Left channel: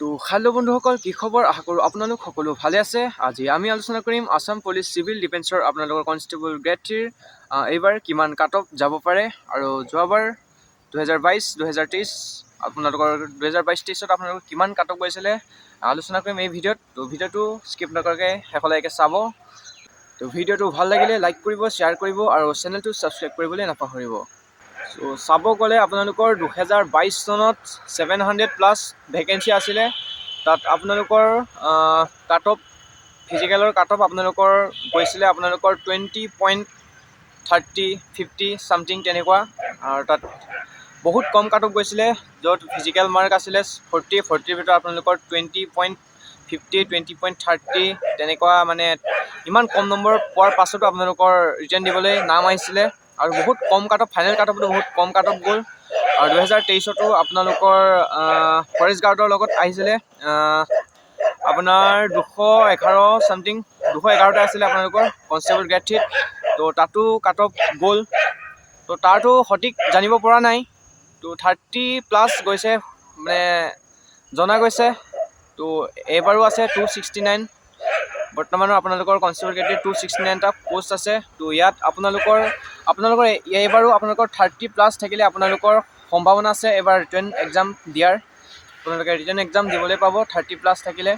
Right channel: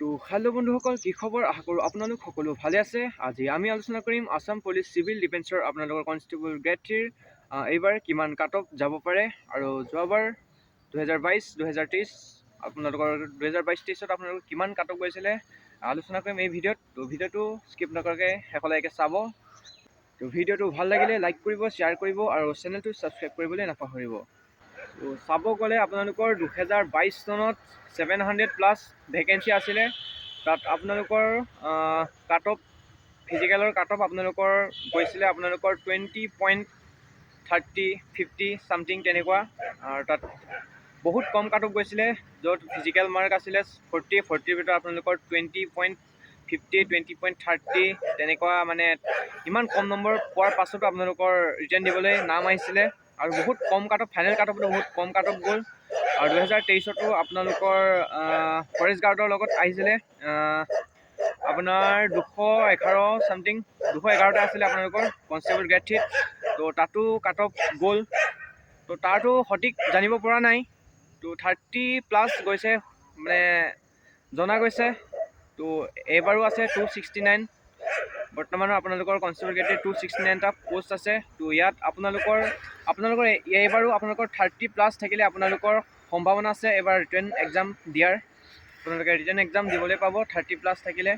তো হেল্ল' বন্ধুসকল, কি খবৰ? আশা কৰোঁ আপোনালোক সকলো ভালে আছে। আজি আমি আলোচনা কৰিম আছাম পুলিচ চিভিল ডিফেন্সৰ আপোনালোকৰ কনষ্টেবল গ্ৰেড 3 এইবাৰ কিমান কাট অফ যাব পাৰে আৰু যোৱাবাৰ 2022 2023 আপোনালোকৰ 2022-23ত আপোনালোকৰ কিমান কাট অফ গৈছিলে আলোচনা কৰিম এই ভিডিঅ'ত। তো ভিডিঅ'টো স্কিপ নকৰাকৈ শেষলৈকে চাব। তো ভিডিঅ'টো ভাল লাগিলে লাইক কৰিব, শ্বেয়াৰ কৰিব আৰু চেনেলটো ছাবস্ক্ৰাইব কৰিবলৈ নাপাহৰিব। চ' চাব গ'লে আপোনালোকৰ 2022 চনত 700+ ভেকেঞ্চি আছিলে। তাত আপোনালোকৰ কাট অফ ফিজিকেলৰ কাট অফ আপোনালোকৰ গৈছিলে আপোনালোকৰ 20.30 50 চামথিং তেনেকুৱা। আৰু তাত বহুত কম কাট অফ গৈছিলে, য'ত ফিজিকেল মাৰ্ক আছিলে 40ৰ ভিতৰত আপোনালোকৰ 20.50 20.30 তেনেকুৱা। মানে ইমান কম নম্বৰ পোৱাৰ পাছতো আপোনালোকৰ ৰিটাৰ্ণ দিবলৈ নাম আহিছিলে আৰু বহুত কম কাট অফ, ফাইনেল কাট অফটো বহুত কম কাট অফ গ'ল। আৰু 2023তো আপোনালোকৰ ফৰেষ্ট গাৰ্ডৰ লগত আহিছিলে আপোনাৰ 211 চামথিং, 211টা আছিলে আপোনালোকৰ কনষ্টেবল গ্ৰেড 3। তো তাতো কাট অফ গ'ল। তো তাৰতো সঠিক জানিব পৰা নাই। তো 30+ গৈছে মানে জনা গৈছে। তো এইবাৰো আছে 269। বৰ্তমানো আপোনালোকৰ কনষ্টেবল গ্ৰেড 269টা পোষ্ট আছে। তো ইয়াত আপোনালোকৰ এইবাৰো আপোনালোকৰ 30+ থাকিলে আপোনালোকৰ সম্ভাৱনা আছে এবাৰ ৰিটেন এক্সাম দিয়াৰ। আপোনালোকে ৰিটেন এক্সাম দিবলৈ পাব 30+ থাকিলে।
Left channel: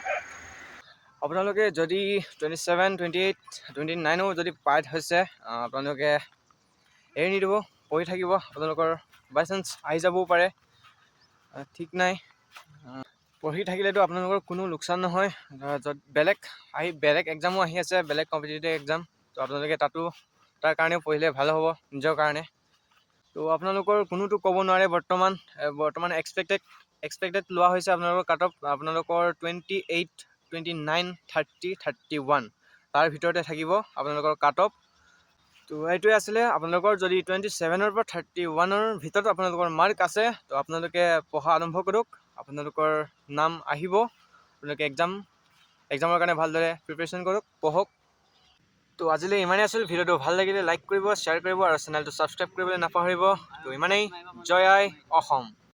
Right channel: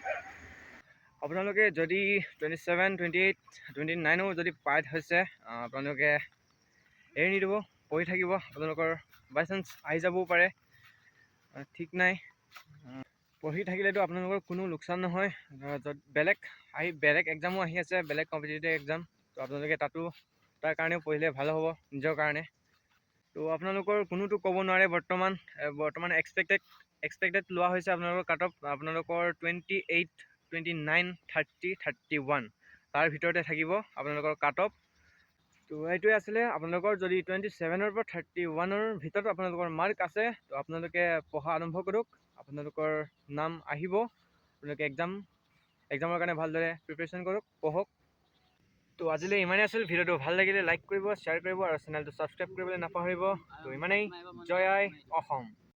আপোনালোকে যদি 27 28 29ও যদি পাই হৈছে আপোনালোকে এৰি নিদিব, পঢ়ি থাকিব। আপোনালোকৰ বাই চান্স আহি যাবও পাৰে, ঠিক নাই। পঢ়ি থাকিলেতো আপোনালোকৰ কোনো লোকচান নহয়। য'ত বেলেগ এক্সামো আহি আছে, বেলেগ কম্পিটিটিভ এক্সাম। তো আপোনালোকে তাৰ কাৰণেও পঢ়িলে ভাল হ'ব নিজৰ কাৰণে। তো আপোনালোকৰ কোনোতো ক'ব নোৱাৰে। বৰ্তমান এক্সপেক্টেড লোৱা হৈছে আপোনালোকৰ কাট অফ আপোনালোকৰ 28 29 30 31 তাৰ ভিতৰতে থাকিব আপোনালোকৰ কাট অফ। তো এইটোৱে আছিলে আপোনালোকৰ যদি 27ৰ পৰা 31ৰ ভিতৰত আপোনালোকৰ মাৰ্ক আছে তো আপোনালোকে পঢ়া আৰম্ভ কৰক। আপোনালোকৰ নাম আহিব। আপোনালোকে এক্সামৰ কাৰণে ভালদৰে প্ৰিপেৰেশ্যন কৰক, পঢ়ক। তো আজিলৈ ইমানেই আছিল। ভিডিঅ'টো ভাল লাগিলে লাইক কৰিব, শ্বেয়াৰ কৰিব আৰু চেনেলটো ছাবস্ক্ৰাইব কৰিবলৈ নাপাহৰিব। তো ইমানেই। জয় আই অসম।